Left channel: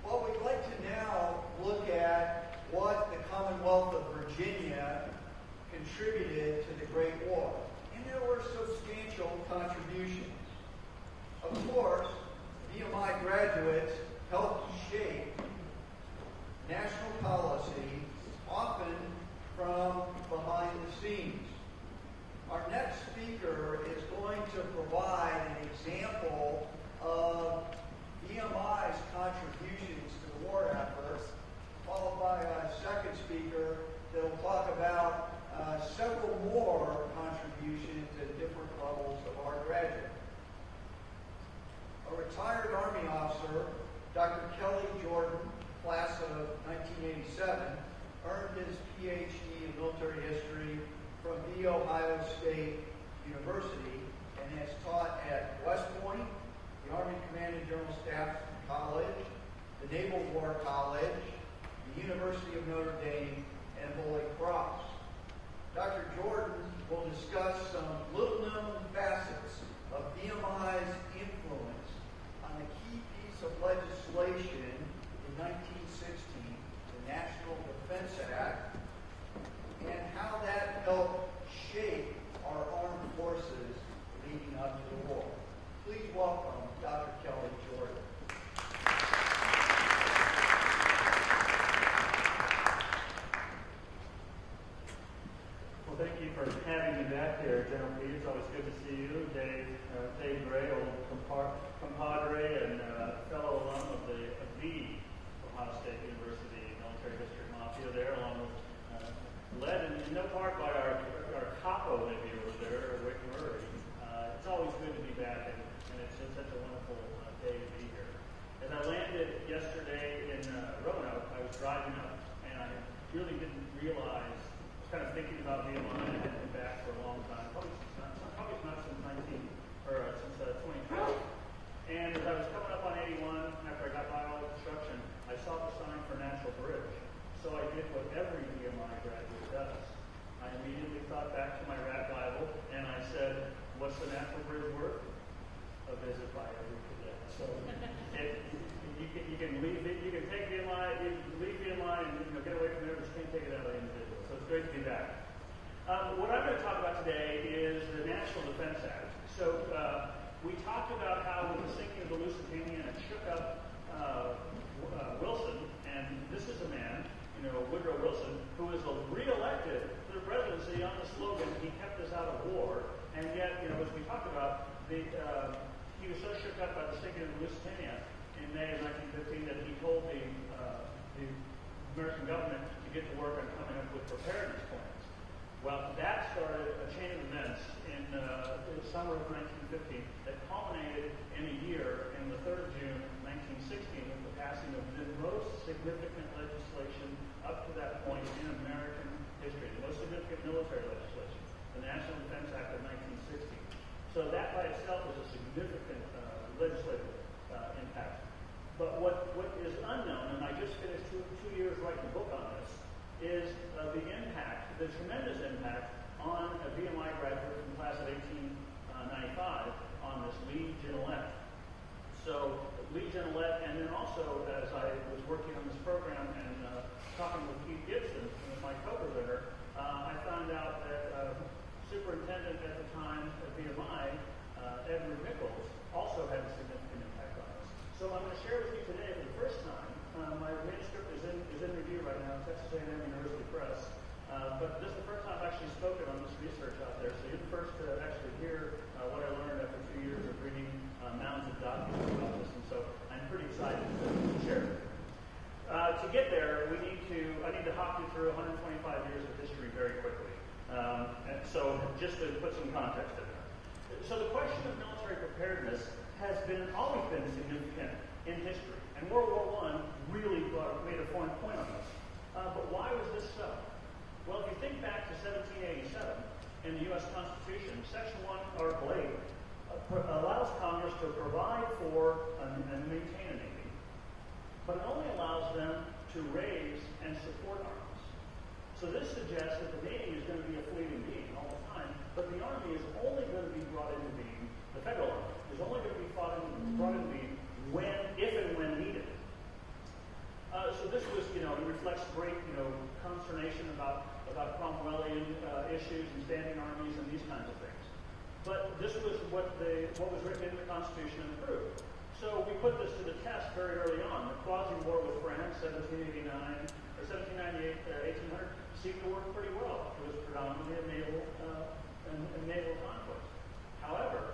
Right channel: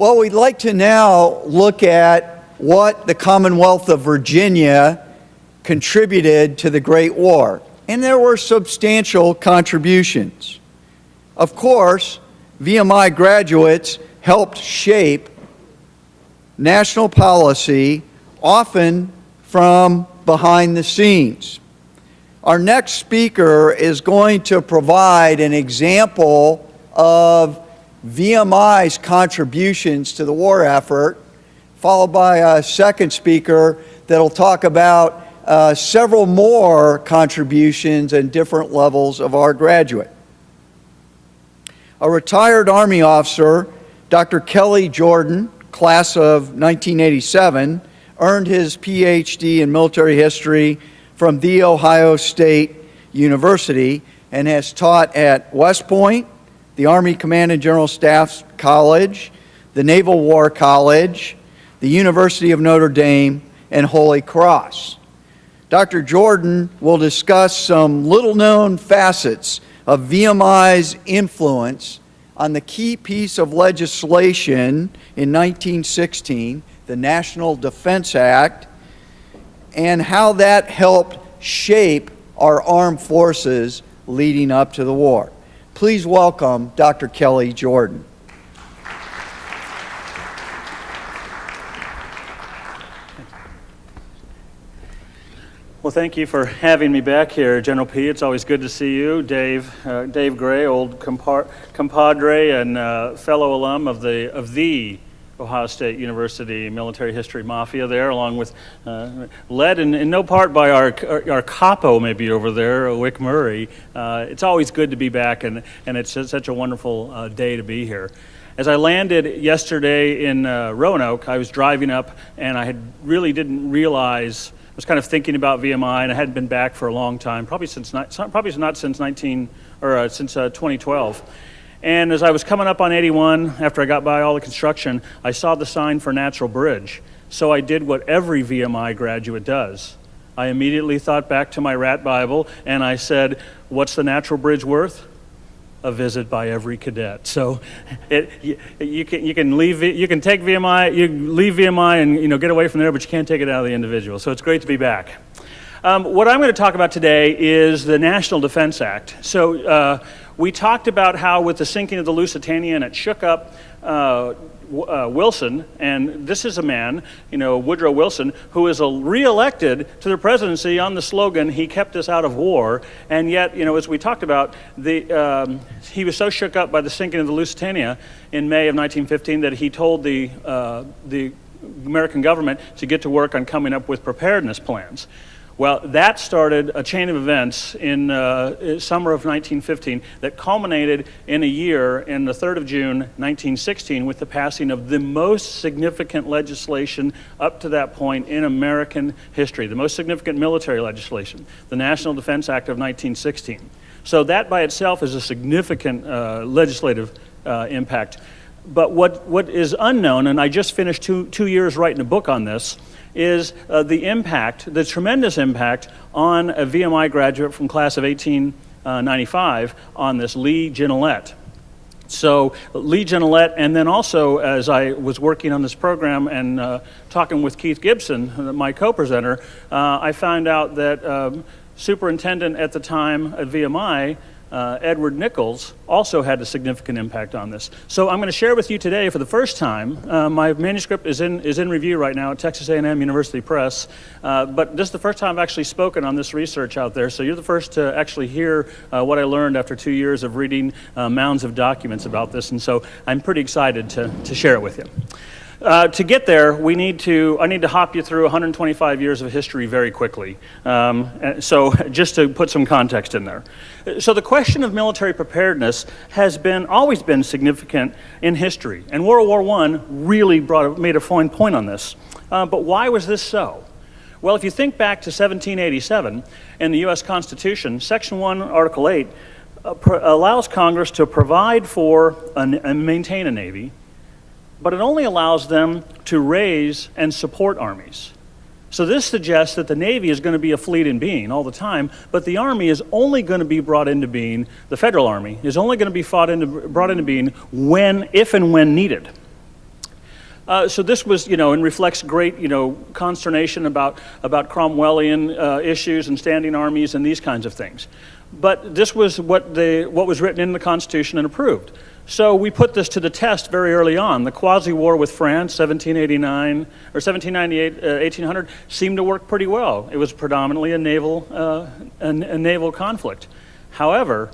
Well, we'd like to now look at what the Commonwealth of Virginia contributed to the Great War. And there were substantial contributions. Of course, VMI graduates helped shape national policy, often from behind the scenes. Our next speaker is going to provide an example of VMI's contributions to the war effort, followed by a second speaker that'll talk about several more contributions and different levels of our graduate. A retired Army officer, Dr. Kelly Jordan, class of 1987, earned his PhD in military history from The Ohio State University and has taught at West Point, the Army Command and General Staff College, the Naval War College, the University of Notre Dame, and Holy Cross. Dr. Jordan will discuss some little-known facets of VMI's influence on the key piece of legislation in 1916, the National Defense Act, and how that helped shape our armed forces leading up to the war. Please welcome Dr. Kelly Jordan. Well, thank you for having me back here, General P. It's always good to see you. Dave Gray, old compadre and fellow alum of the Ohio State University military history mafia there, along with led in no part by our capo maybe over there, Wick Murray. It's always good to be back, and it's such a wonderful day to be here. As I landed yesterday in Roanoke, I was driving up, and I didn't realize. I was kind of thinking about VMI, and I hadn't been back for a long time, probably not since 2012. And as I was coming up on 81, after I got by all the construction, I saw the sign for Natural Bridge. So I did what every VMI graduate does. I immediately thought back to my rat Bible, and I said, what's the Natural Bridge worth? A visit by every cadet. So you can take VMI, you leave VMI and get away from there, but you can't take it out of the individual. So it's great to be back. What I'm going to talk about today is the National Defense Act. So we talked about how with the sinking of the Lusitania, and it shook up Wilson, and this is a man, Woodrow Wilson, who is re-elected to the presidency on the slogan, "He kept us out of war," and yet, as we talked about, he was so shook up by the sinking of the Lusitania in May of 1915 that he told the American government to get to work on coming up with preparedness plans. Well, that started a chain of events in summer of 1915 that culminated in a year, in the 3rd of June, 1916, with the passing of the most significant legislation up to that point in American history, the most significant military legislation, the National Defense Act of 1916. So that by itself is a significant legislative impact. But what is unknown, and I just finished two years writing a book on this, is the tremendous impact on a VMI graduate from class of 1895 on this Lee Gignilliat. So Lee Gignilliat, and then also as I was working on this program and talking with Keith Gibson, my co-presenter, I found out that superintendent at the time at VMI, Edward Nichols, also had a significant impact on this. So I'm going to share with you today for the first time, my manuscript is in review right now at Texas A&M University Press, but this is the first time I've actually spoken on this research out there, so you're the first to actually hear what I learned after 2 years of reading mounds of documents about this, and so I'm pretty excited to share it with you. To get there, I need to hop you through 125 years of history very quickly. So just to put some context in there. So the question of military preparedness has always been significant in history, and World War I really made a fine point on this. But why was this so? Well, if you think back to 1787 in the U.S. Constitution, Section 1, Article 8 allows Congress to provide for and maintain a Navy, but it only allows them to raise and support armies. So this suggests that the Navy is going to be a fleet in being all the time, but the Army is only going to be brought into being, the Federal Army is only going to be brought into being if and when needed. So this was, and reflects great, consternation about Cromwellian issues and standing armies and these kinds of things. But this was what was written in the Constitution and approved. So we put this to the test very early on. The quasi-war with France, 1789 or 1798, 1800, seemed to work pretty well. It was predominantly a naval conflict. However,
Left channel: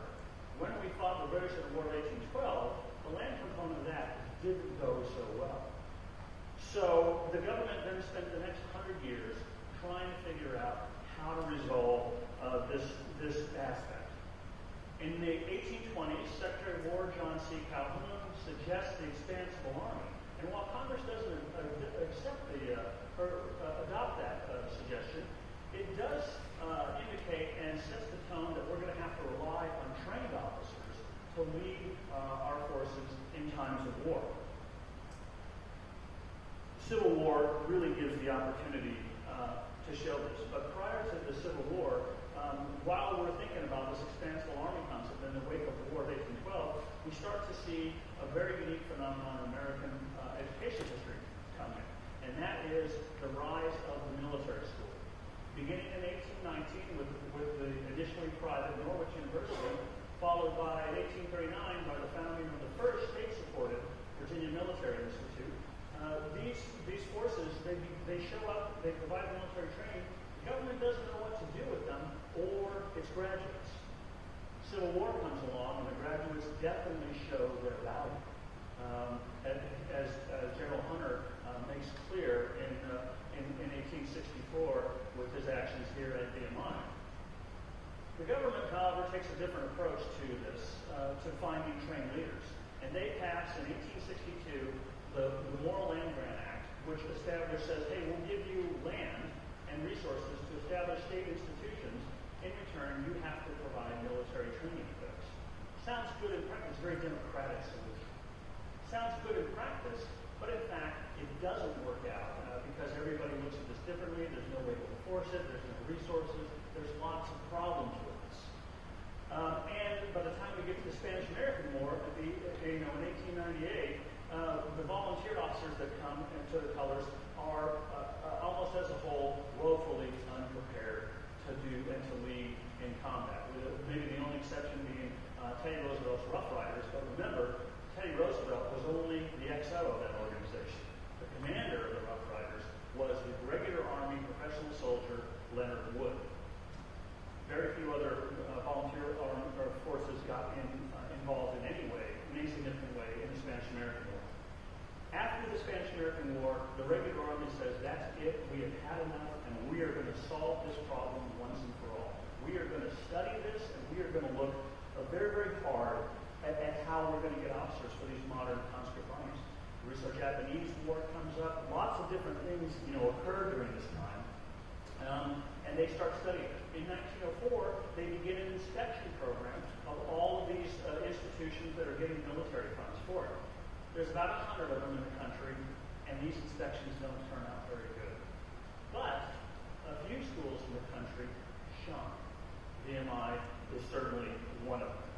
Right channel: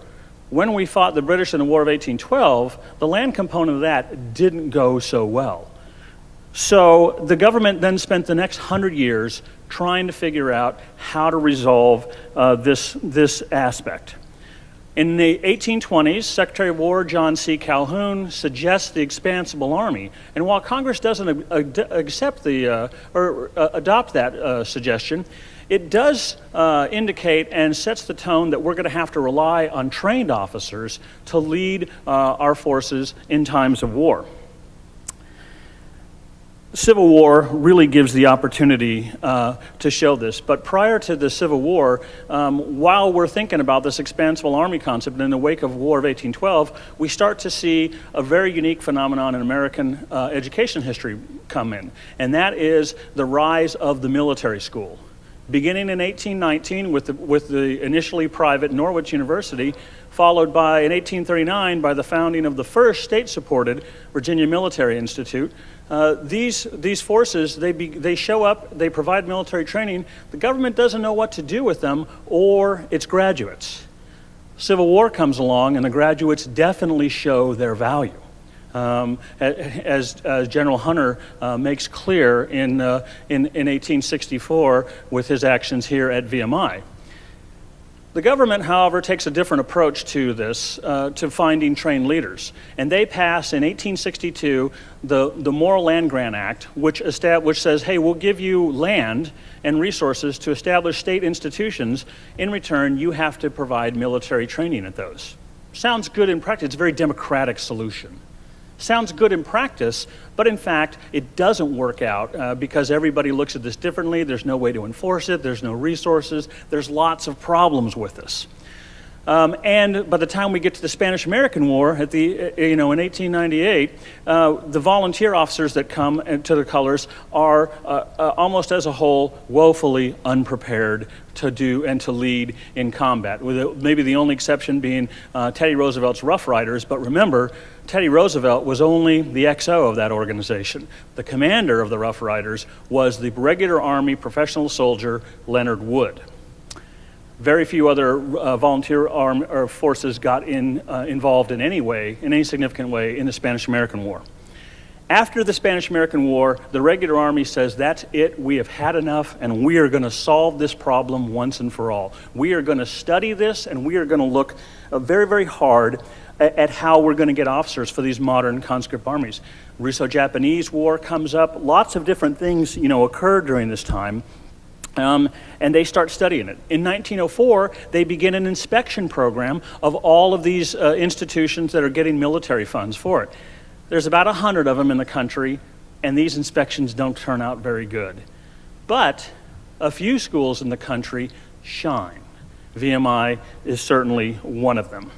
when we fought the British in the War of 1812, the land component of that didn't go so well. So the government then spent the next 100 years trying to figure out how to resolve this aspect. In the 1820s, Secretary of War John C. Calhoun suggests the expansible army. And while Congress doesn't accept adopt that suggestion, it does indicate and sets the tone that we're going to have to rely on trained officers to lead our forces in times of war. Civil War really gives the opportunity to show this. But prior to the Civil War, while we're thinking about this expansible army concept in the wake of War of 1812, we start to see a very unique phenomenon in American education history come in, and that is the rise of the military school. Beginning in 1819 with the initially private Norwich University, followed by, in 1839, by the founding of the first state-supported Virginia Military Institute. These forces, they show up, they provide military training. The government doesn't know what to do with them or its graduates. Civil War comes along, and the graduates definitely show their value. As General Hunter makes clear in 1864 with his actions here at VMI. The government, however, takes a different approach to this, to finding trained leaders. And they pass in 1862 the Moral Land Grant Act, which says, hey, we'll give you land and resources to establish state institutions. In return, you have to provide military training at those. Sounds good in practice. It's a very democratic solution. Sounds good in practice, but in fact, it doesn't work out because everybody looks at this differently. There's no way to enforce it. There's no resources. There's lots of problems with this. And by the time we get to the Spanish-American War, in 1898, the volunteer officers that come to the colors are almost as a whole woefully unprepared to do and to lead in combat, with maybe the only exception being Teddy Roosevelt's Rough Riders. But remember, Teddy Roosevelt was only the XO of that organization. The commander of the Rough Riders was the regular Army professional soldier Leonard Wood. Very few other volunteer forces got involved in any significant way in the Spanish-American War. After the Spanish-American War, the regular Army says, that's it, we have had enough, and we are going to solve this problem once and for all. We are going to study this, and we are going to look very, very hard at how we're going to get officers for these modern conscript armies. Russo-Japanese War comes up. Lots of different things, occur during this time. And they start studying it. In 1904, they begin an inspection program of all of these institutions that are getting military funds for it. There's about 100 of them in the country, and these inspections don't turn out very good. But a few schools in the country shine. VMI is certainly one of them.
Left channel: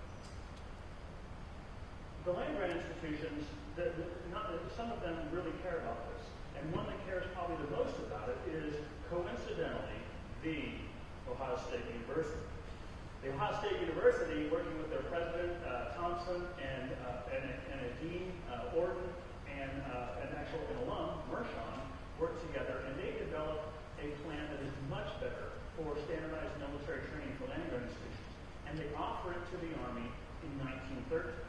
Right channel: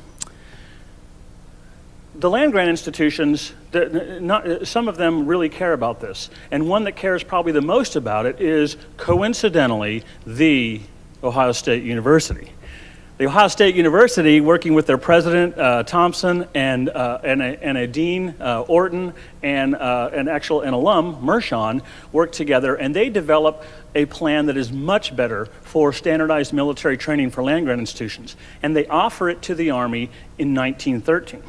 The land-grant institutions, some of them really care about this. And one that cares probably the most about it is, coincidentally, the Ohio State University. The Ohio State University, working with their president, Thompson, and a dean, Orton, and an alum, Mershon, work together, and they develop a plan that is much better for standardized military training for land-grant institutions. And they offer it to the Army in 1913.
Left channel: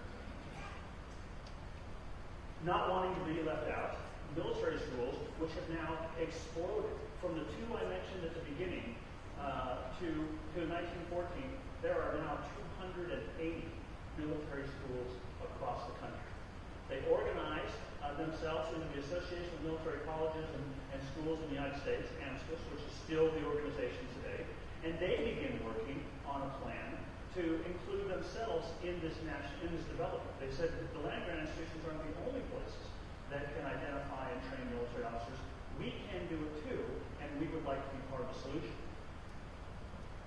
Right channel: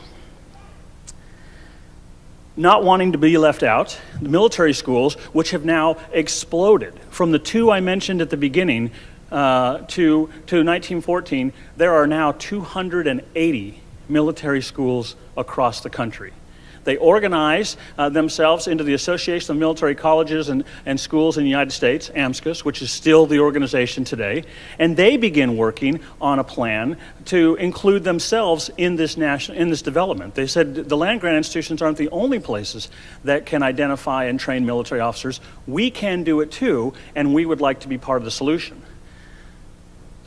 Not wanting to be left out, the military schools, which have now exploded from the two I mentioned at the beginning to 1914, there are now 280 military schools across the country. They organize themselves into the Association of Military Colleges and Schools in the United States, AMSCUS, which is still the organization today, and they begin working on a plan to include themselves in this development. They said the land-grant institutions aren't the only places that can identify and train military officers. We can do it too, and we would like to be part of the solution.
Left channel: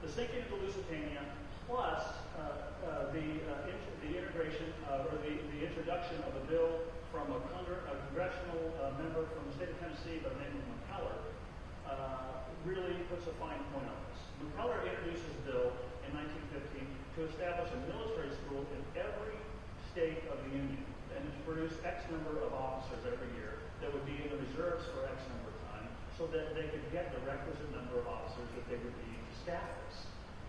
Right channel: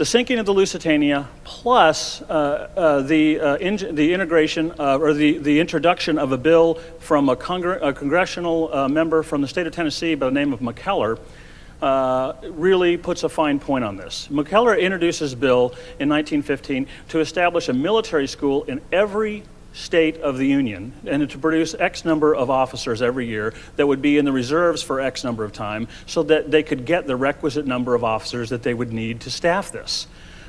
The sinking of the Lusitania, plus the integration or the introduction of a bill from a congressional member from the state of Tennessee by the name of McKellar, really puts a fine point on this. McKellar introduces a bill in 1915 to establish a military school in every state of the Union and to produce X number of officers every year that would be in the reserves for X number of time so that they could get the requisite number of officers that they would need to staff this.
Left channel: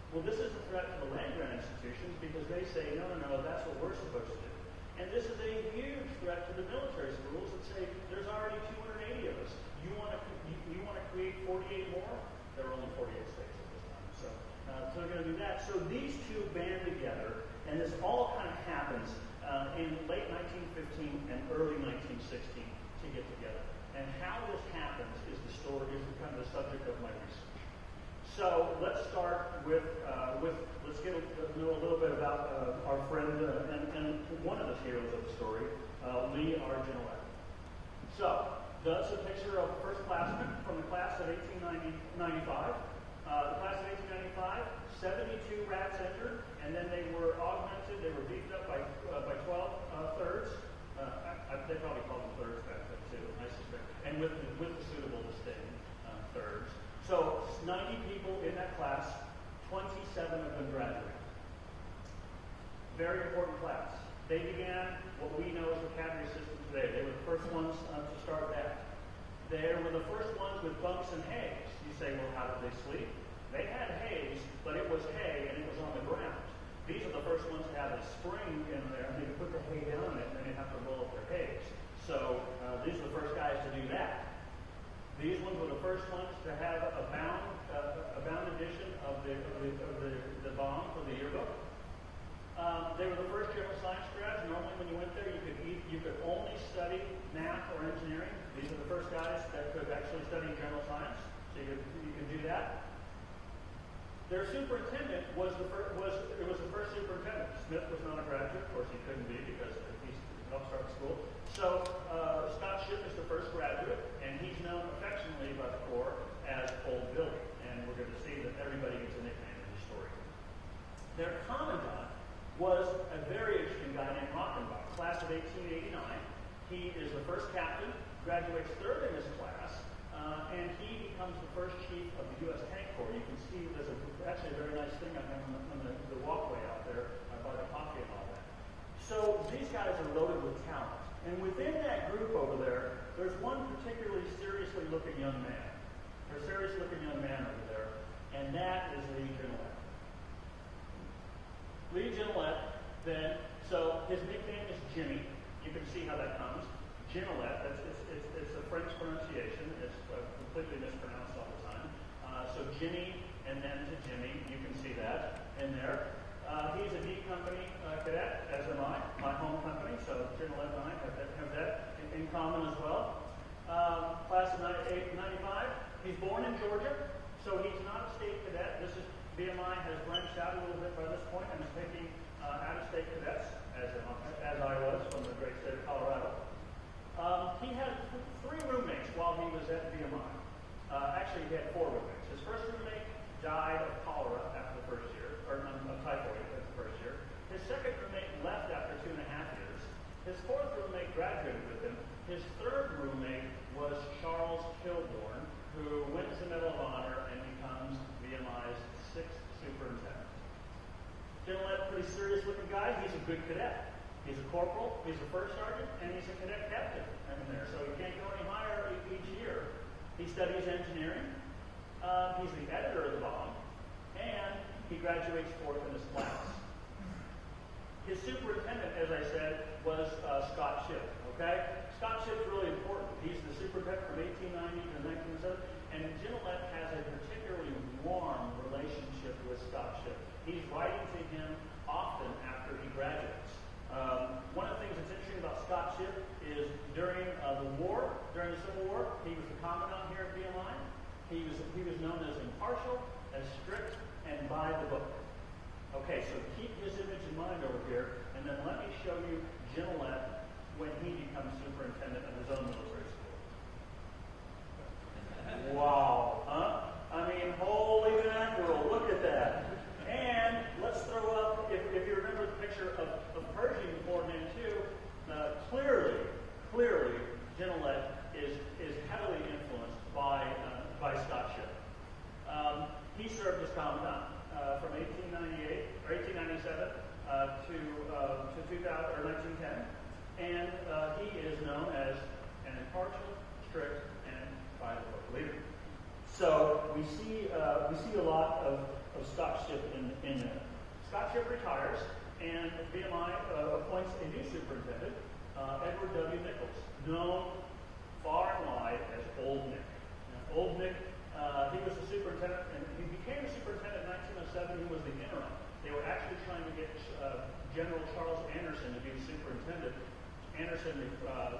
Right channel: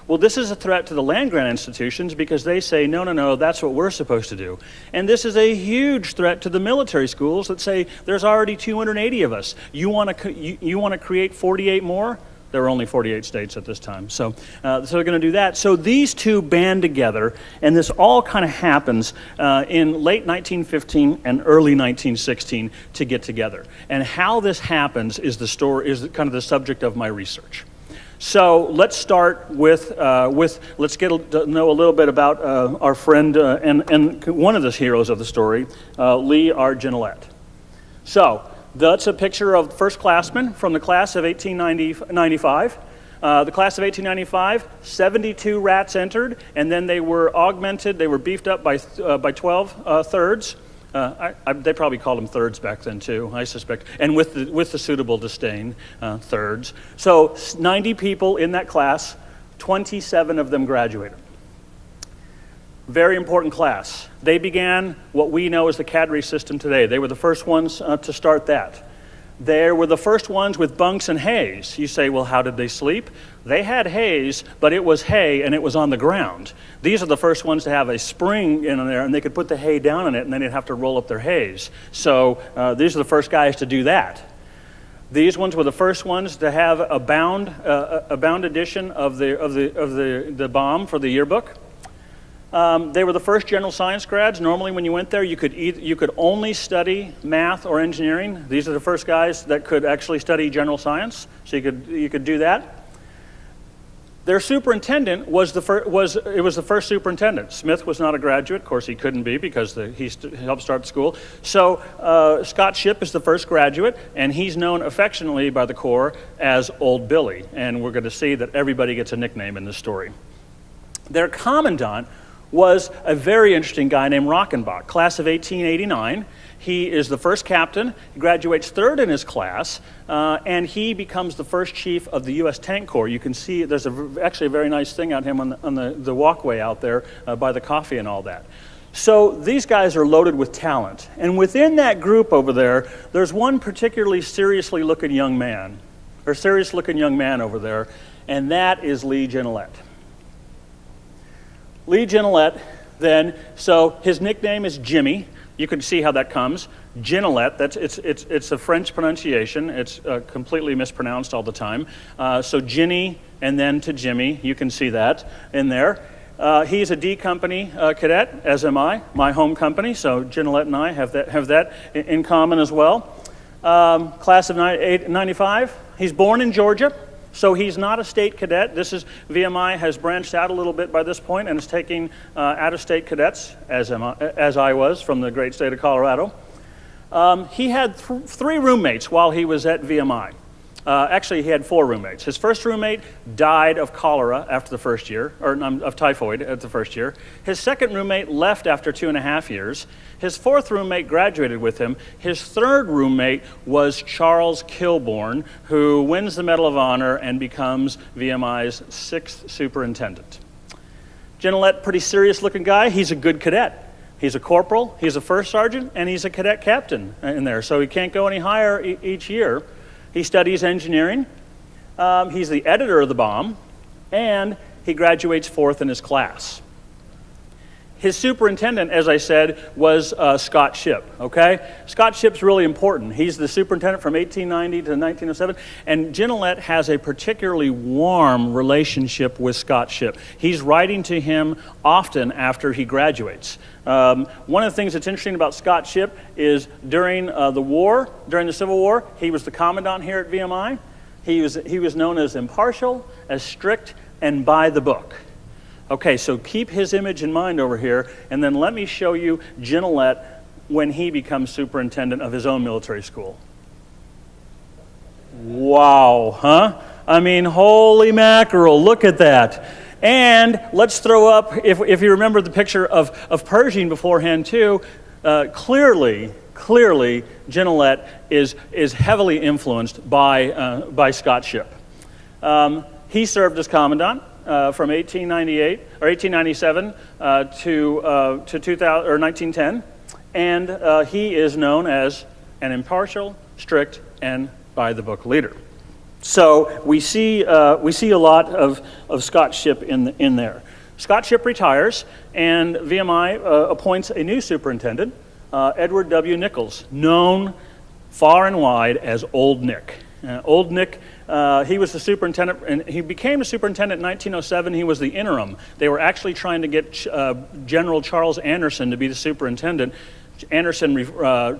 Well, this is a threat to the land-grant institutions because they say, no, no, no, that's what we're supposed to do. And this is a huge threat to the military schools that say, there's already 280 of us. You want to create 48 more? There were only 48 states at this time. So they're going to do that. So these two band together, and this all kind of happens in late 1915 and early 1916 to get together. And how this happens is kind of the subject of my research. So let's start with let's get to know a little bit about our friend and one of the heroes of the story, Lee R. Gignilliat. So that's a picture of first-classmen from the class of 1895. The class of 1895, 72 rats entered, and then they were augmented. They were beefed up by 12 thirds. They probably called them thirds back then too, I suspect, and with the suitable disdain, thirds. So 90 people in that class, 27 of them graduated. Very important class. They began what we know as the cadre system today. They were the first ones to start that. They were the first ones with bunks and hays. You say, well, how did they sleep? They had hays, but it was hay and it was on the ground. These are the first ones to have a spring in there, and they could put the hay down in it, and then they'd have to roll up their hays. So these are the first guys to do that. These ones were the first ones to have a bound edition of the bomb for the yearbook. They were the first general science grads. Normally when you went there, you could only study math or engineering. These are the first guys that could actually study general science, so you could do that. Their superintendent was the first superintendent. Smith was not a graduate. Of course, he couldn't be because he helped start the school. So Scott Shipp is the first graduate, and he's known affectionately by the Corps as Old Billy. And we're going to see that everybody gets a nickname in this story. Their commandant was a very interesting guy named Rockenbach, class of 1889. He is the first captain, he graduates third in his class, and he becomes the first chief of the U.S. Tank Corps. You can see there's actually a very nice thing on him on the walkway out there by the coffee and all that. So these guys are loaded with talent. And within that group over there, there's one particularly serious looking young man over there, and that is Lee Gignilliat. Lee Gignilliat, then, so his nickname is Jimmy. You can see how that comes. Gignilliat, it's a French pronunciation. It's completely mispronounced all the time. So Ginny and then to Jimmy, you can see that in there. He's a D Company cadet, as am I, my home company. So Gignilliat and I have that in common as well. Class of 95. He's born in Georgia. So he's not a state cadet. VMI has branched out a little bit by this point and is taking out-of-state cadets, as I was, from the great state of Colorado. He had three roommates while he was at VMI. Actually, he had four roommates. His first roommate died of cholera after the first year, or of typhoid at the first year. His second roommate left after 2.5 years. His fourth roommate graduated with him. His third roommate was Charles Kilbourne, who wins the Medal of Honor and becomes VMI's 6th superintendent. Gignilliat, pretty serious-looking guy. He's a good cadet. He's a corporal, he's a first sergeant, and he's a cadet captain in there, so he can't go any higher each year. He studies engineering. He's the editor of the bomb, and he graduates 4th in his class. His superintendent, as I said, was Scott Shipp, okay? Scott Shipp's really important. He's the superintendent from 1890 to 1907, and Gignilliat has a particularly warm relationship with Scott Shipp. He's writing to him often after he graduates. One of the things that's interesting about Scott Shipp is during the Civil War, he was the commandant here at VMI. He was known as impartial, as strict, and by the book. Okay, so keep his image in mind over here, and then let me show you Gignilliat when he becomes superintendent of his own military school. Wow, huh? I mean, holy mackerel, look at that. And let's throw up, if you remember the picture of Pershing beforehand too, clearly, Gignilliat is heavily influenced by Scott Shipp. He served as commandant from 1898 or 1897 to 2000 or 1910, and he is known as an impartial, strict, and by-the-book leader. So we see a lot of Scott Shipp in there. Scott Shipp retires, and VMI appoints a new superintendent, Edward W. Nichols, known far and wide as Old Nick. Old Nick, he was the superintendent, and he became a superintendent in 1907. He was the interim. They were actually trying to get General Charles Anderson to be the superintendent. Anderson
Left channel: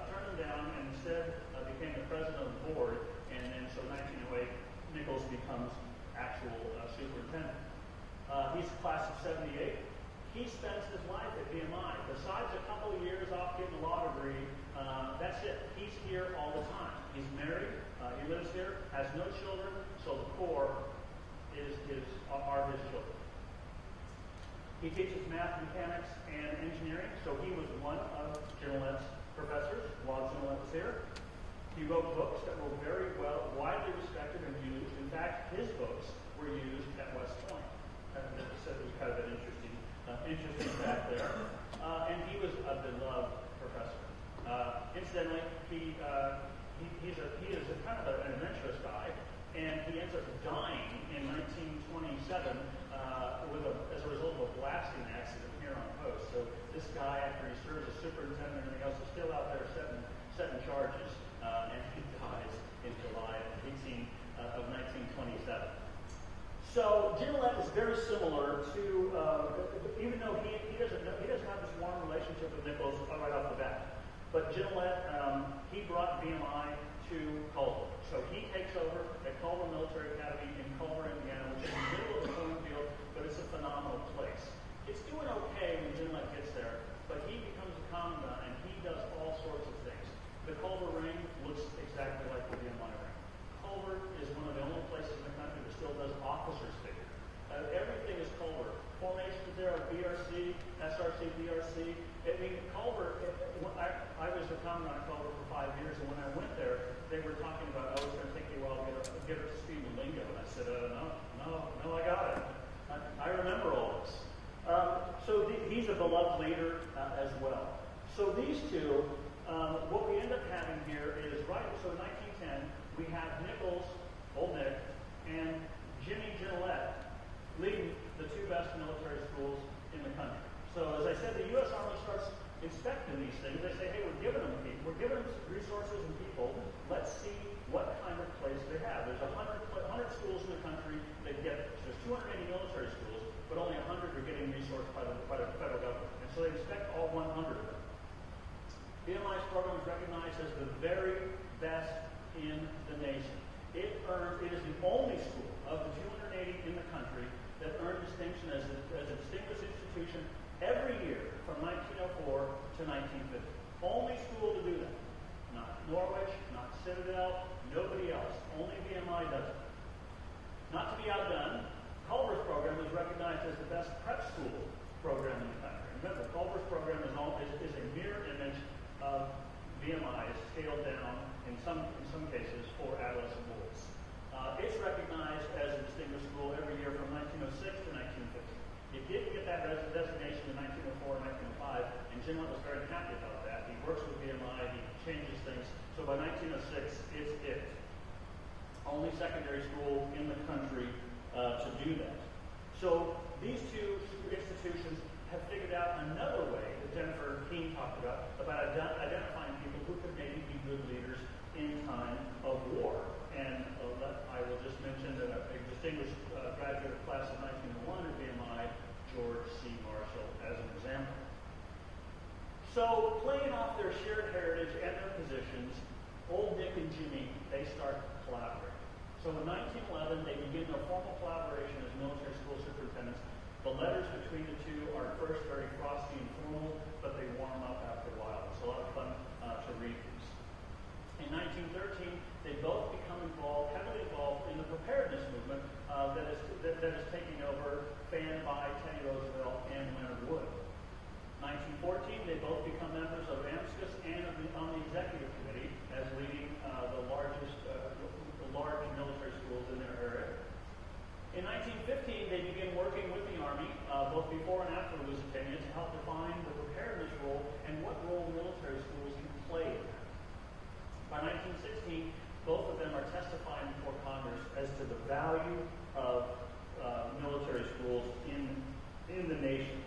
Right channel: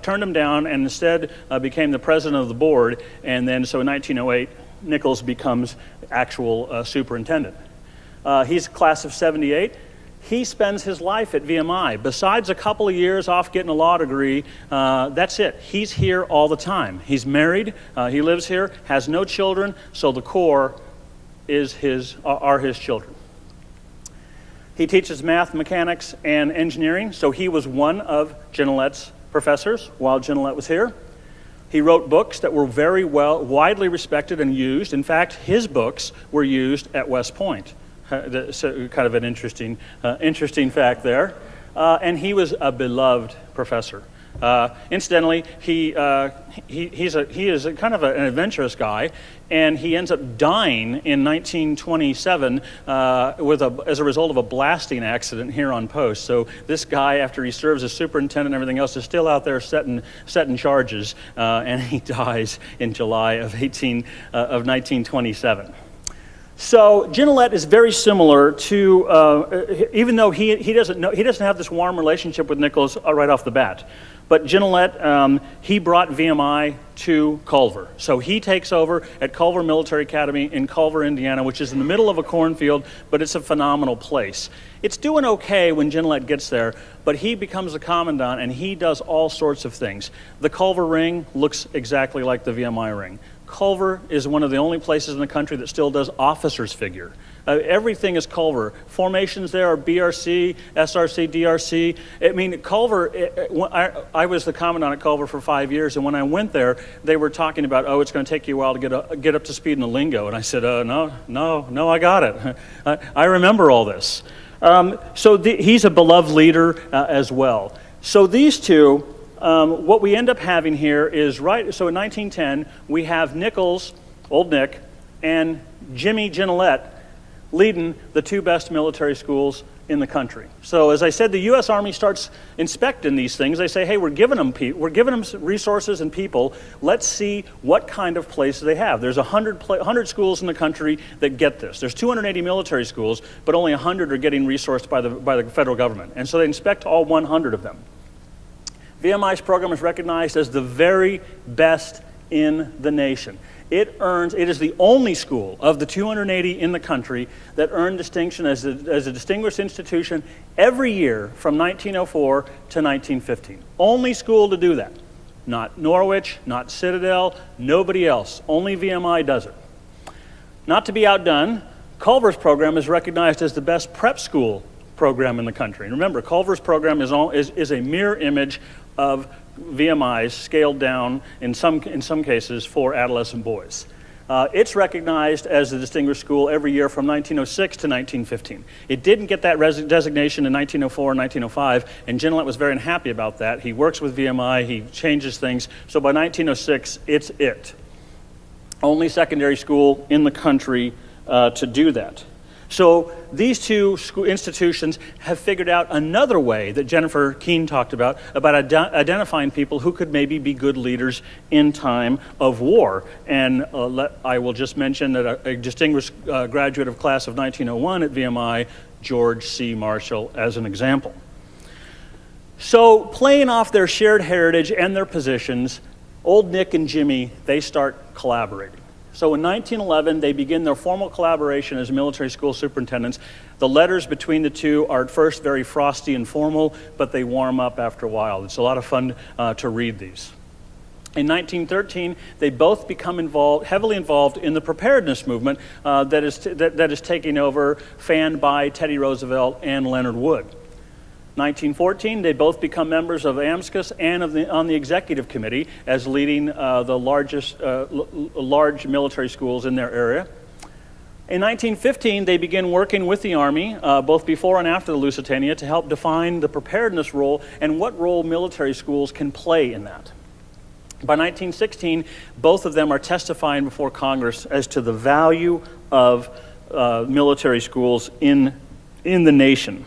turned him down and instead became the president of the board, and then so in 1908, Nichols becomes actual superintendent. He's class of 78. He spends his life at VMI. Besides a couple of years off getting a law degree, that's it. He's here all the time. He's married, he lives here, has no children, so the core are his children. He teaches math, mechanics, and engineering, so he was one of Gignilliat's professors while Gignilliat was here. He wrote books that were very widely respected and used. In fact, his books were used at West Point. So kind of an interesting fact there. And he was a beloved professor. Incidentally, he is kind of an adventurous guy, and he ends up dying in 1927 as a result of a blasting accident here on post. So this guy, after he serves as superintendent and everything else, is still out there setting charges, and he dies in July of 1927. So Gignilliat is very similar to, even though he doesn't have this warm relationship with Nichols right off the bat. But Gignilliat, he brought VMI to Culver. So he takes over at Culver Military Academy in Culver, Indiana, which is in the middle of a cornfield, but it's a phenomenal place. It's doing okay when Gignilliat gets there, but he becomes the commandant and he does all sorts of things. The Culver ring looks exactly like the VMI ring. Culver is one of the only places in the country that still does officers figure. Everything is Culver. Formations there are BRC, SRC, DRC. I mean, Culver, I was the commandant at Culver for 5 years, and when I went there, they were talking about, oh, it's going to take you a while to get up to speed in the lingo. And I said, no, I got it. I remember all this. So he's a beloved leader as well. So these two, what we end up having here is, so in 1910, we have Nichols, Old Nick, and Jimmy Gignilliat leading the two best military schools in the country. So as I said, the U.S. Army starts inspecting these things. They say, hey, we're giving them resources and people. Let's see what kind of places they have. There's 100 schools in the country that get this. There's 280 military schools, but only 100 are getting resourced by the federal government. And so they inspect all 100 of them. VMI's program is recognized as the very best in the nation. It is the only school of the 280 in the country that earned distinction as a distinguished institution every year from 1904 to 1915. Only school to do that. Not Norwich, not Citadel, nobody else. Only VMI does it. Not to be outdone, Culver's program is recognized as the best prep school program in the country. And remember, Culver's program is a mirror image of VMI's scaled down in some cases for adolescent boys. It's recognized as a distinguished school every year from 1906 to 1915. It didn't get that designation in 1904 and 1905, and Gignilliat was very unhappy about that. He works with VMI, he changes things, so by 1906, it's it. Only secondary school in the country to do that. So these two institutions have figured out another way that Jennifer Keene talked about identifying people who could maybe be good leaders in time of war. And I will just mention that a distinguished graduate of class of 1901 at VMI, George C. Marshall, as an example. So playing off their shared heritage and their positions, Old Nick and Jimmy, they start collaborating. So in 1911, they begin their formal collaboration as military school superintendents. The letters between the two are at first very frosty and formal, but they warm up after a while. It's a lot of fun to read these. In 1913, they both become heavily involved in the preparedness movement that is taking over, fanned by Teddy Roosevelt and Leonard Wood. 1914, they both become members of AMSCUS and on the executive committee as leading the large military schools in their area. In 1915, they begin working with the Army, both before and after the Lusitania, to help define the preparedness role and what role military schools can play in that. By 1916, both of them are testifying before Congress as to the value of military schools in the nation.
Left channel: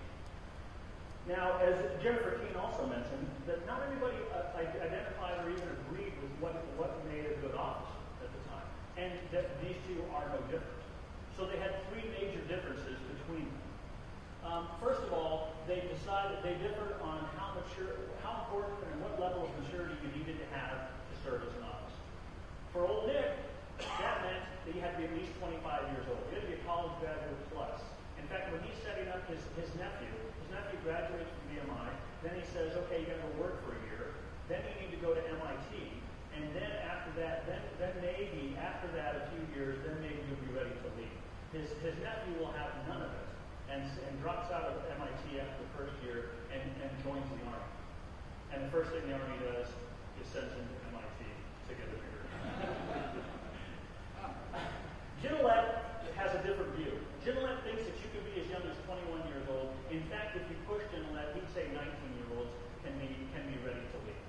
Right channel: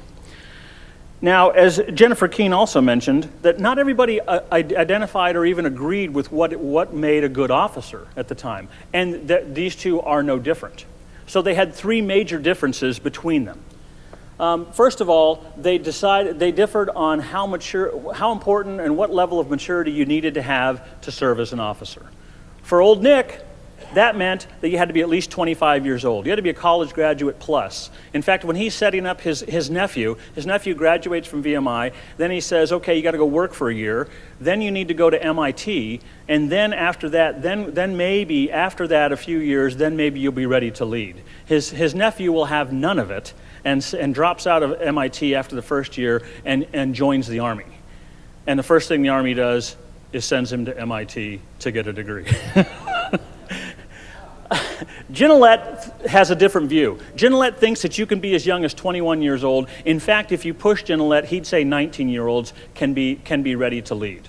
Now, as Jennifer Keene also mentioned, that not everybody identified or even agreed with what made a good officer at the time, and that these two are no different. So they had three major differences between them. First of all, they differed on how important and what level of maturity you needed to have to serve as an officer. For old Nick, that meant that you had to be at least 25 years old. You had to be a college graduate plus. In fact, when he's setting up his nephew graduates from VMI, then he says, okay, you got to go work for a year, then you need to go to MIT, and then after that, then maybe after that a few years, then maybe you'll be ready to lead. His nephew will have none of it and drops out of MIT after the first year and joins the Army. And the first thing the Army does is sends him to MIT to get a degree. Gignilliat has a different view. Gignilliat thinks that you can be as young as 21 years old. In fact, if you push Gignilliat, he'd say 19-year-olds can be ready to lead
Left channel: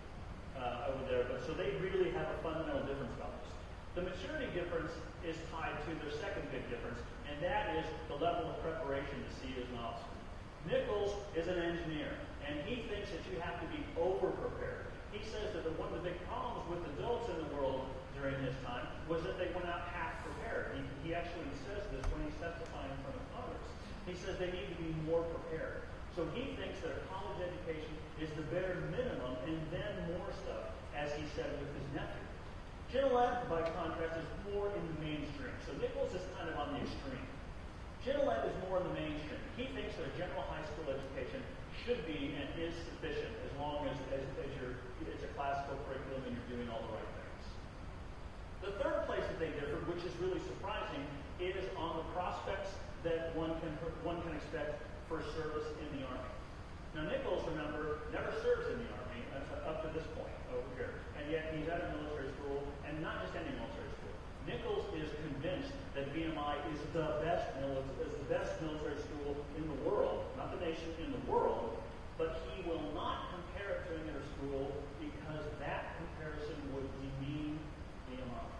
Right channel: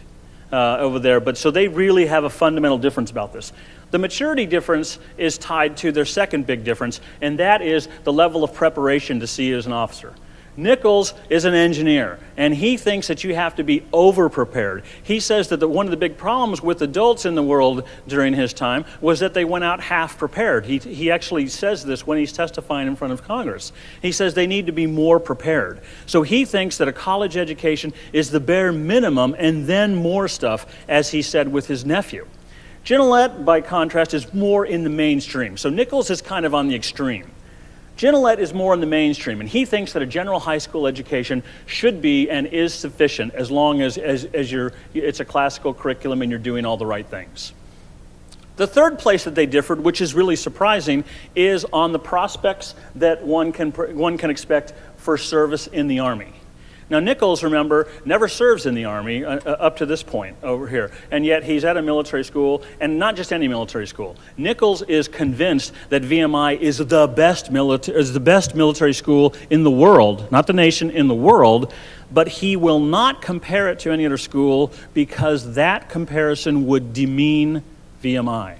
over there. But so they really have a fundamental difference about this. The maturity difference is tied to their second big difference, and that is the level of preparation to see as an officer. Nichols is an engineer, and he thinks that you have to be over-prepared. He says that one of the big problems with adults in the world during his time was that they went out half-prepared. He actually says this when he's testifying in front of Congress. He says they need to be more prepared. So he thinks that a college education is the bare minimum and then more stuff, as he said with his nephew. Gignilliat, by contrast, is more in the mainstream. So Nichols is kind of on the extreme. Gignilliat is more in the mainstream, and he thinks that a general high school education should be and is sufficient as long as it's a classical curriculum and you're doing all the right things. The third place that they differed, which is really surprising, is on the prospects that one can expect for service in the Army. Now, Nichols, remember, never serves in the Army up to this point over here, and yet he's at a military school, and not just any military school. Nichols is convinced that VMI is the best military school in the world, not the nation, in the world, but he will not compare it to any other school because that comparison would demean VMI.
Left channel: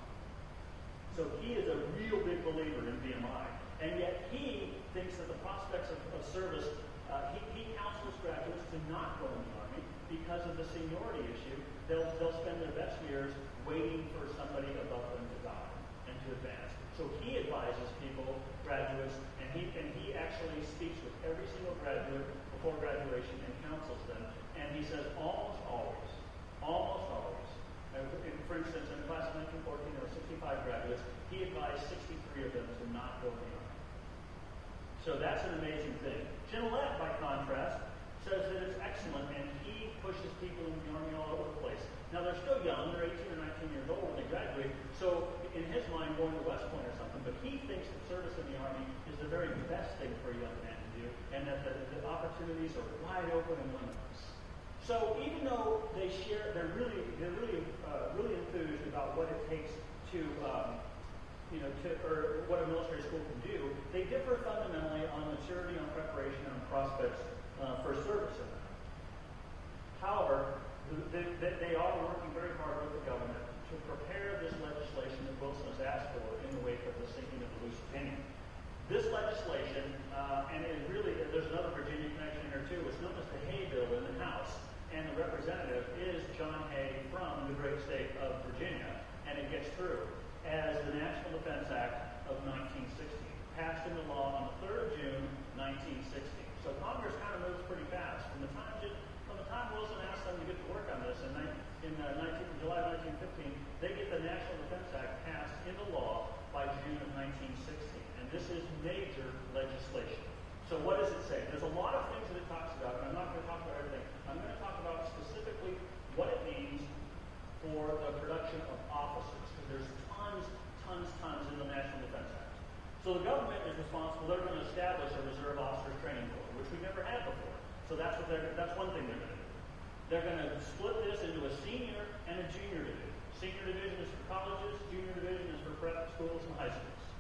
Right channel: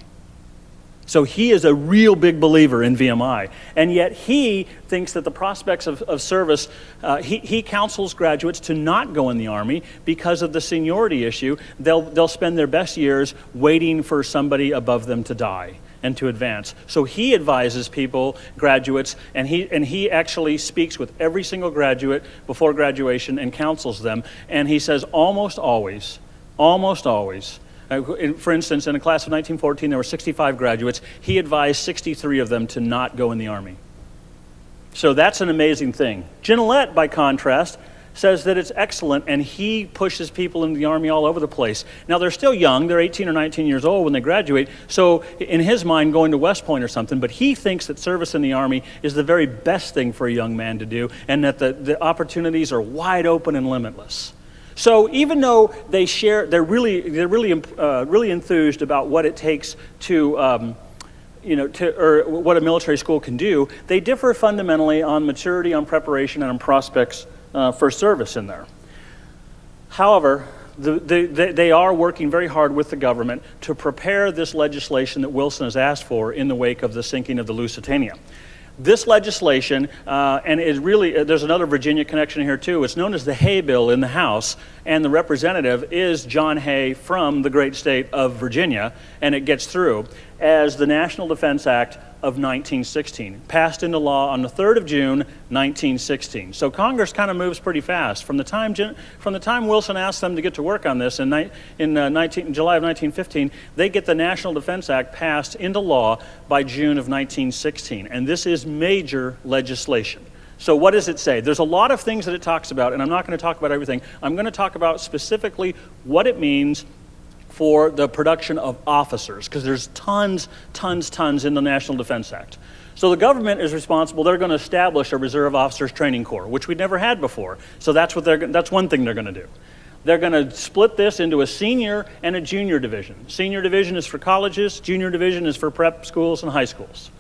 So he is a real big believer in VMI, and yet he thinks that the prospects of service, he counsels graduates to not go in the Army because of the seniority issue. They'll spend their best years waiting for somebody above them to die and to advance. So he advises graduates, and he actually speaks with every single graduate before graduation and counsels them, and he says almost always, for instance, in a class of 1914, there were 65 graduates. He advised 63 of them to not go in the Army. So that's an amazing thing. Gignilliat, by contrast, says that it's excellent, and he pushes people into the Army all over the place. Now, they're still young. They're 18 or 19 years old when they graduate, so in his mind, going to West Point or something, but he thinks that service in the Army is the very best thing for a young man to do, and that the opportunities are wide open and limitless. So even though they're really enthused about what it takes or what a military school can do, they differ fundamentally on maturity, on preparation, and on prospects for service in there. However, they are working very hard with the government to prepare this legislation that Wilson has asked for in the wake of the sinking of the Lusitania. This legislation, and is really, there's another Virginia connection here too, it's known as the Hay Bill in the House, and the representative is John Hay from the great state of Virginia, and it gets through as the National Defense Act of 1916, passed into law on the 3rd of June, 1916. So Congress kind of moves pretty fast. From the time Wilson asked them to get to work on this in July of 1915, they get the National Defense Act passed into law by June of 1916. And this is major legislation. So what does it say? There's a lot of things that it talks about, and I'm not going to talk about everything. I'm going to talk about specifically what it means for the production of officers, because there's tons in the National Defense Act. So the government is responsible. They're going to establish a Reserve Officers Training Corps, which we'd never had before. So that's one thing they're going to do. They're going to split this into a senior and a junior division. Senior division is for colleges. Junior division is for prep schools and high schools.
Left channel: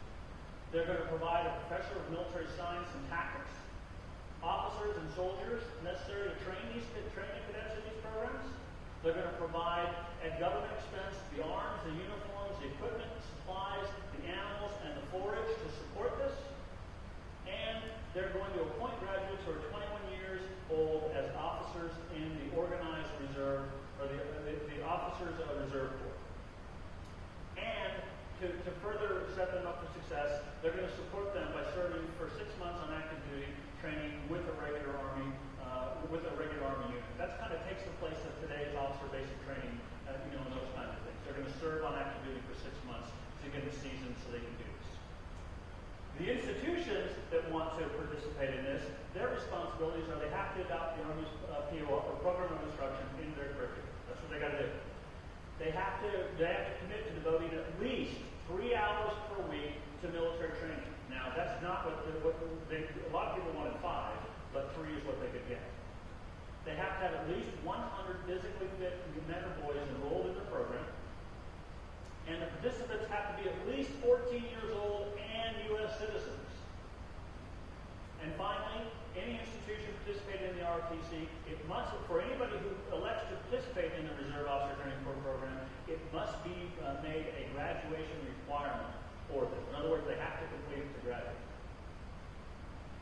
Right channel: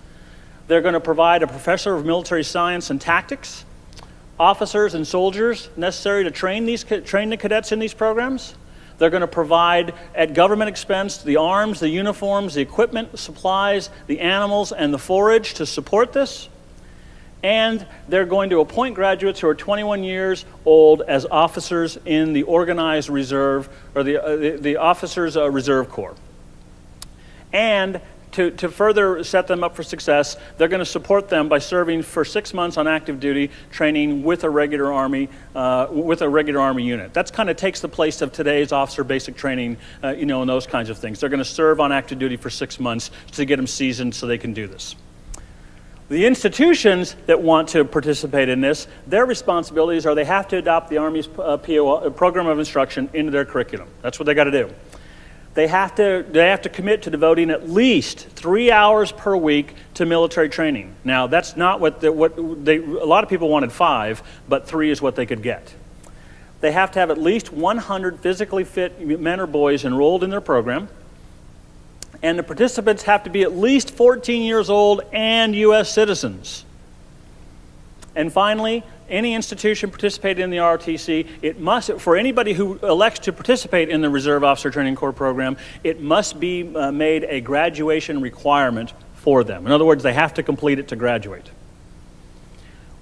They're going to provide a professor of military science and tactics, officers and soldiers necessary to train the cadets in these programs. They're going to provide, at government expense, the arms, the uniforms, the equipment, supplies, the animals, and the forage to support this. And they're going to appoint graduates who are 21 years old as officers in the organized reserve, or the Officers Reserve Corps. And to further set them up for success, they're going to support them by serving for 6 months on active duty training with a regular Army unit. That's kind of takes the place of today's officer basic training, and those kinds of things. They're going to serve on active duty for 6 months to get them seasoned so they can do this. The institutions that want to participate in this, their responsibilities are they have to adopt the Army's program of instruction into their curriculum. That's what they got to do. They have to commit to devoting at least 3 hours per week to military training. Now, that's not a lot of people wanted 5, but 3 is what they could get. They have to have at least 100 physically fit men or boys enrolled in their program. And the participants have to be at least 14 years old and U.S. citizens. And finally, any institution participating in the ROTC, it must, for anybody who elects to participate in the Reserve Officer Training Corps program, it must be made a graduation requirement for them. In other words, they have to complete it to graduate.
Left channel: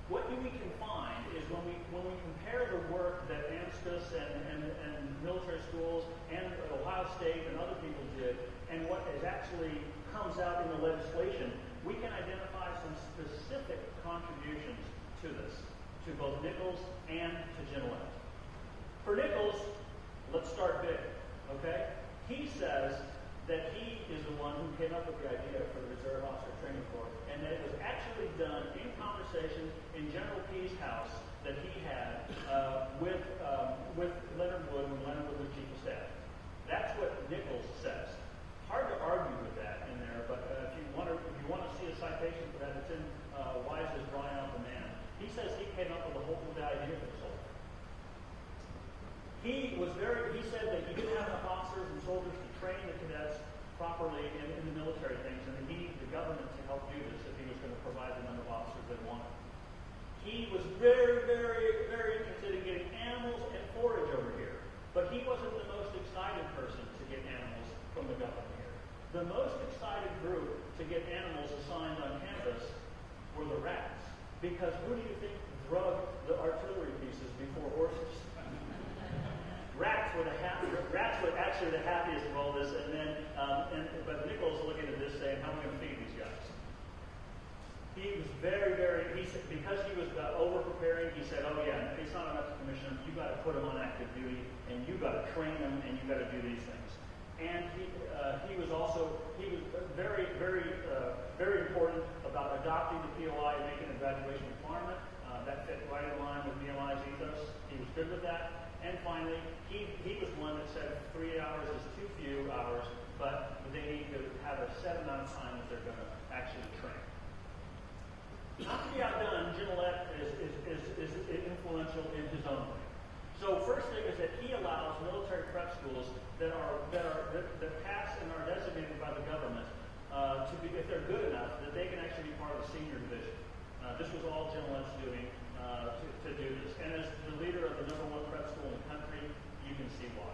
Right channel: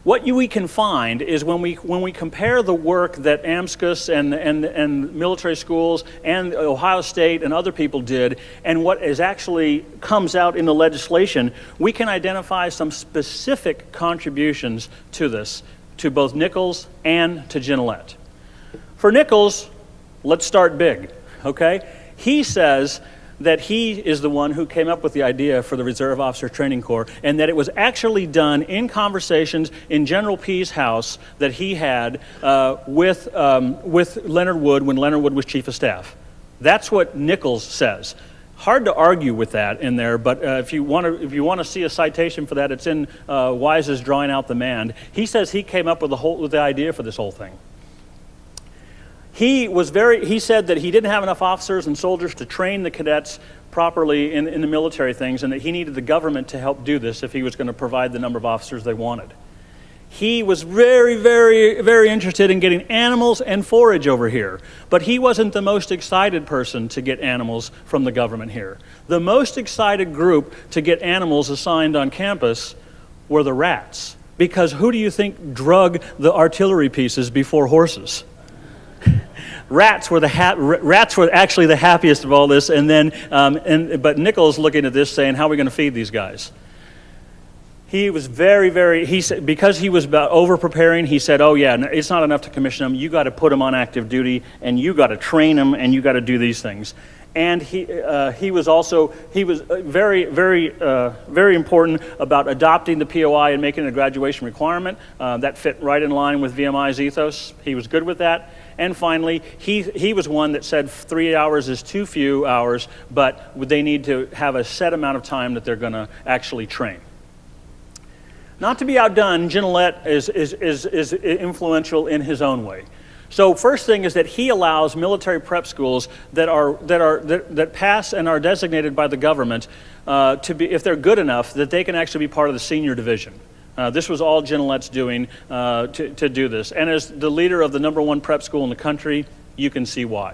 What we can find is when we compare the work that AMSCUS and military schools and Ohio State and other people did and what is actually comes out in the legislation, we can identify some specific contributions to this, to both Nichols and to Gignilliat. For Nichols, let's start big, okay? He says that he is the one who came up with the idea for the Reserve Officer Training Corps, and that it was actually done in conversations in General Pease' house that he had with Leonard Wood when Leonard Wood was Chief of Staff. That's what Nichols says. Hard to argue with that in there, but if you want to see a citation for that, it's in Wise's Drawing Out the Man. He says he came up with the idea for this whole thing. He said that he didn't have enough officers and soldiers to train the cadets properly in the military things, and that he needed the government to help do this if he was going to provide the number of officers they wanted. He was very, very, very interested in getting animals and forage over here, but he wasn't the most excited person to get animals from the government here. The most excited group to get animals assigned on campus were the rats, because who do you think drug the artillery pieces before horses? Rats were actually the happiest of all this, and then but Nichols looking at this saying, how are we going to feed these guys? He was because he was about over-preparing, he said, oh yeah, it's not enough to commission them, you got to put them on active duty, and you got to train them, and you got to do these things. And he was very, very, very important about adopting the POI and making it a graduation requirement. That fit right in line with VMI's ethos. He was good with that. And finally, he was one that said 3 hours is too few hours, but they need to have a set amount of time that they're going to actually train. Not to be outdone, Gignilliat is influential in his own way. So first thing is that he allows military prep schools that pass and are designated by the government to be, if they're good enough, that they can actually be part of the senior division. This was all Gignilliat's doing to do this. And as the leader of the #1 prep school in the country, you can see why.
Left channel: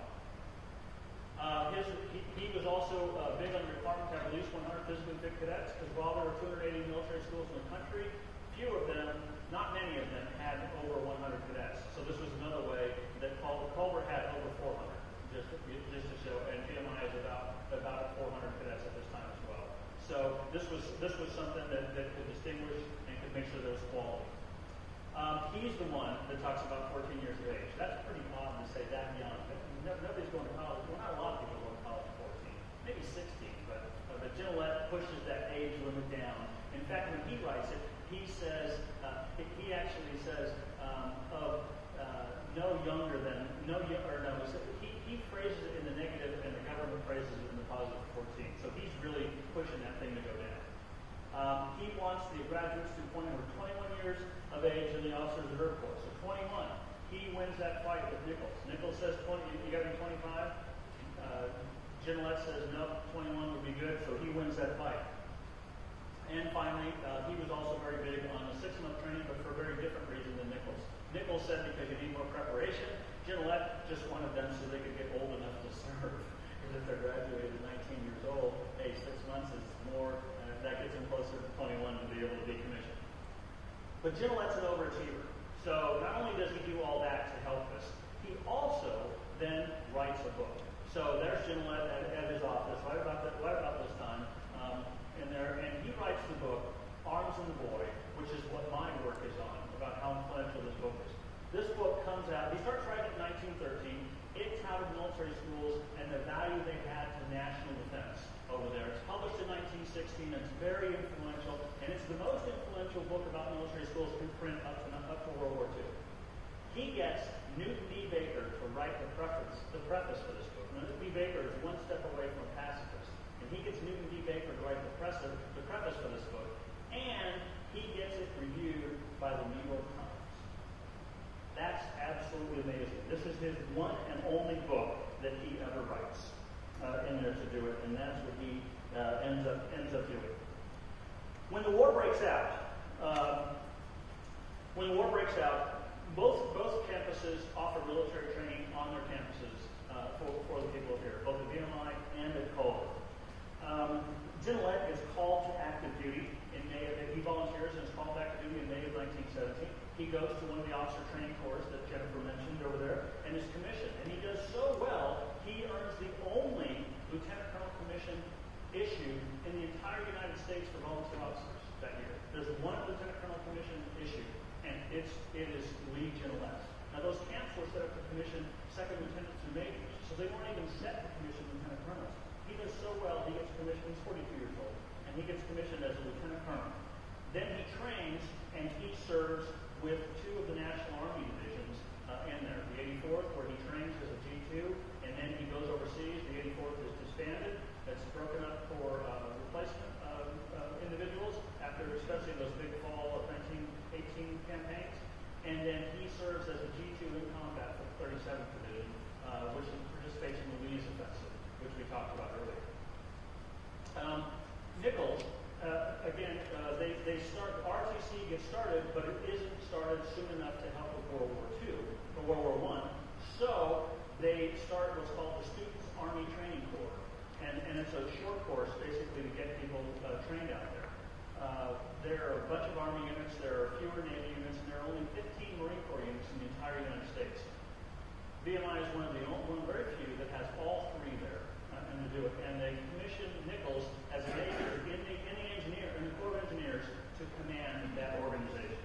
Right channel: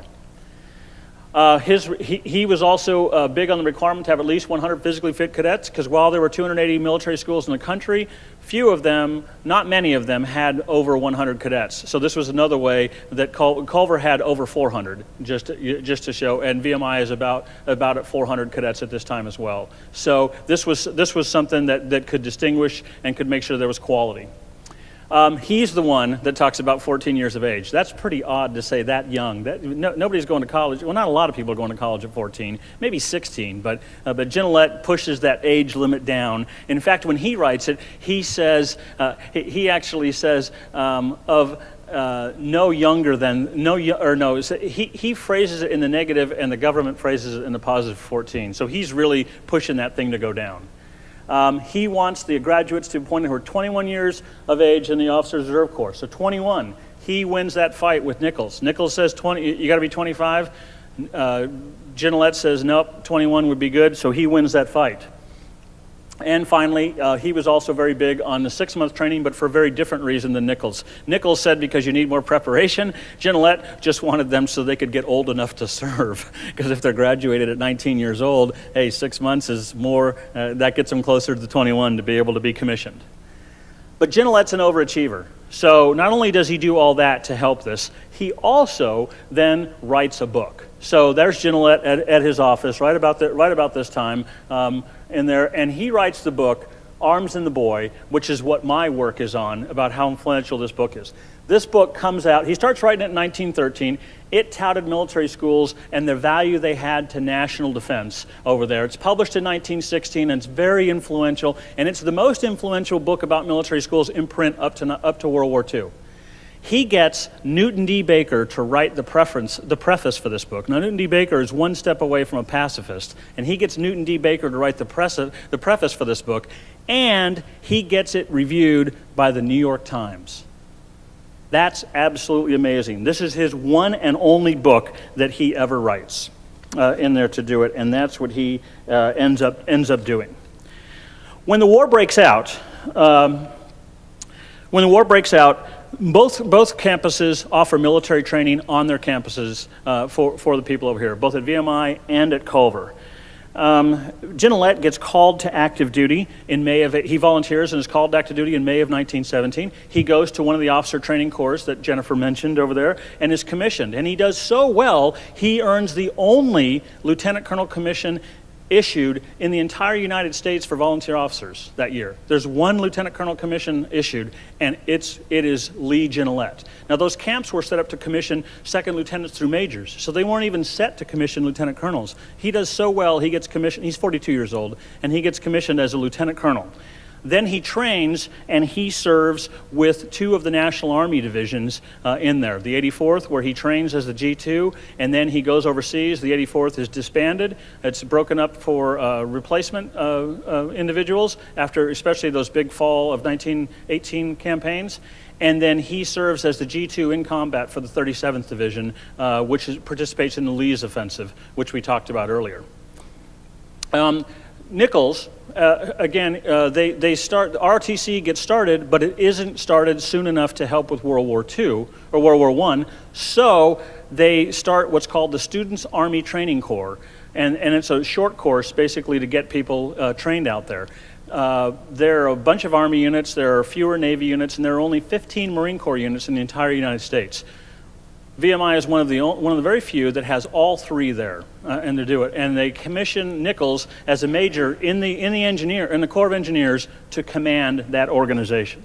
He was also big on the requirement to have at least 100 physically fit cadets, because while there were 280 military schools in the country, few of them, not many of them, had over 100 cadets. So this was another way that Culver had over 400, just to show, and VMI is about at 400 cadets at this time as well. So this was something that could distinguish and could make sure there was quality. He's the one that talks about 14 years of age. That's pretty odd to say that young. Nobody's going to college. Well, not a lot of people are going to college at 14, maybe 16, but Gignilliat pushes that age limit down. In fact, when he writes it, he says, he actually says, no younger than, he phrases it in the negative and the government phrases it in the positive 14. So he's really pushing that thing to go down. He wants the graduates to appoint who are 21 years of age in the Officers Reserve Corps. So 21, he wins that fight with Nichols. Nichols says 20, you got to be 25. Gignilliat says nope, 21 would be good, so he wins that fight. And finally, he was also very big on the 6-month training, but for a very different reason than Nichols. Nichols said because you need more preparation. Gignilliat just wanted them so they could get old enough to serve. Because if they're graduated at 19 years old, hey, 6 months is more, that gets them closer to 21 to be able to be commissioned. But Gignilliat's an overachiever. So not only does he do all that to help this, he also then writes a book. So there's Gignilliat at his office right about this time in there, and he writes the book, Arms and the Boy, which is what my work is on, about how influential this book is. This book comes out, he starts writing it in 1913. It touted military schools and the value they had to national defense over there. It's published in 1916, and it's very influential, and it's the most influential book about military schools in print up to World War II. He gets Newton D. Baker to write the preface for this book. Now, Newton D. Baker is one step away from a pacifist, and he gets Newton D. Baker to write the preface for this book, and he gets it reviewed by the New York Times. That's absolutely amazing. This is his one and only book that he ever writes in there to do it, and that's what he ends up doing. When the war breaks out, both campuses offer military training on their campuses for the people over here, both at VMI and at Culver. Gignilliat gets called to active duty in he volunteers and is called to active duty in May of 1917. He goes to one of the officer training corps that Jennifer mentioned over there and is commissioned. And he does so well, he earns the only lieutenant colonel commission issued in the entire United States for volunteer officers that year. There's one lieutenant colonel commission issued, and it is Lee Gignilliat. Now, those camps were set up to commission second lieutenants through majors, so they weren't even set to commission lieutenant colonels. He does so well, he gets commissioned, he's 42 years old, and he gets commissioned as a lieutenant colonel. Then he trains and he serves with 2 of the National Army divisions in there. The 84th, where he trains as the G2, and then he goes overseas. The 84th is disbanded. It's broken up for replacement individuals after especially those big fall of 1918 campaigns. And then he serves as the G2 in combat for the 37th Division, which participates in the Lee's offensive, which we talked about earlier. Nichols, again, the ROTC gets started, but it isn't started soon enough to help with World War II or World War I. So they start what's called the Students' Army Training Corps, and it's a short course basically to get people trained out there. There are a bunch of Army units, there are fewer Navy units, and there are only 15 Marine Corps units in the entire United States. VMI is one of the very few that has all 3 there, and to do it. And they commission Nichols as a major in the Corps of Engineers to command that organization.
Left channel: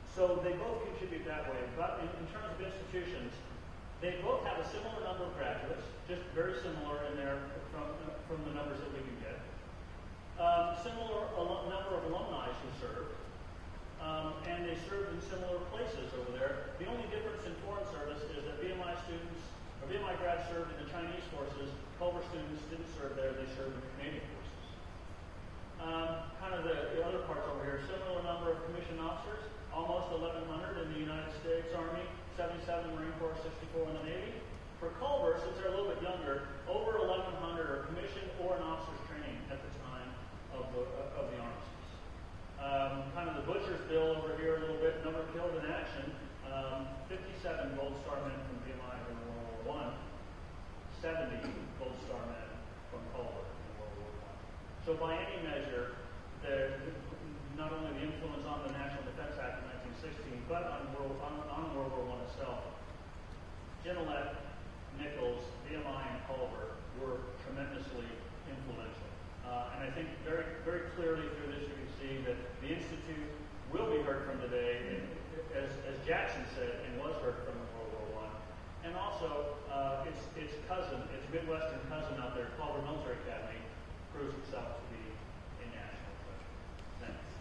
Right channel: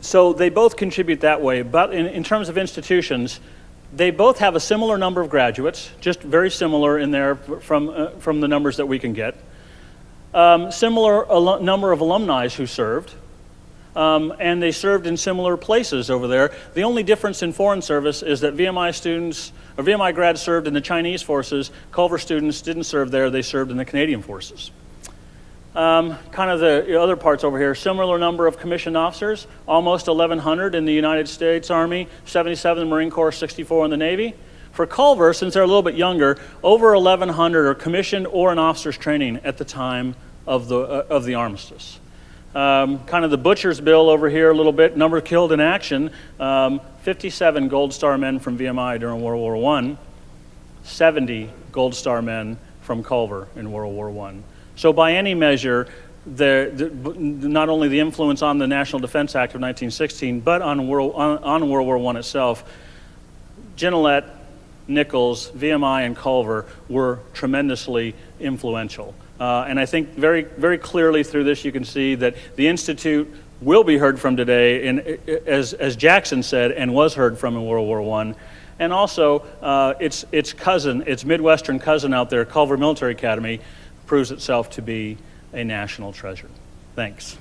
So they both contribute that way, but in terms of institutions, they both have a similar number of graduates, just very similar in there from the numbers that we can get. Similar number of alumni who served. And they served in similar places over there. The only difference in foreign service is that VMI grads served in the Chinese forces. Culver students didn't serve there, they served in the Canadian forces. Kind of the other parts over here, similar number of commissioned officers, almost 1,100 in the United States Army, 77 in the Marine Corps, 64 in the Navy. For Culver, since they're a little bit younger, over 1,100 are commissioned or in officers training at the time of the armistice. Kind of the butcher's bill over here a little bit, number killed in action, 57 Gold Star men from VMI during World War I, 70 Gold Star men from Culver in World War I. So by any measure, not only the influence on the National Defense Act of 1916, but on World War I itself, Gignilliat, Nichols, VMI, and Culver were tremendously influential. And I think very, very clearly through this you can see that the Institute will be heard from today, as Jackson said, and was heard from in World War I. And also, its Midwestern cousin out there, Culver Military Academy, proves itself to be a national treasure. Thanks.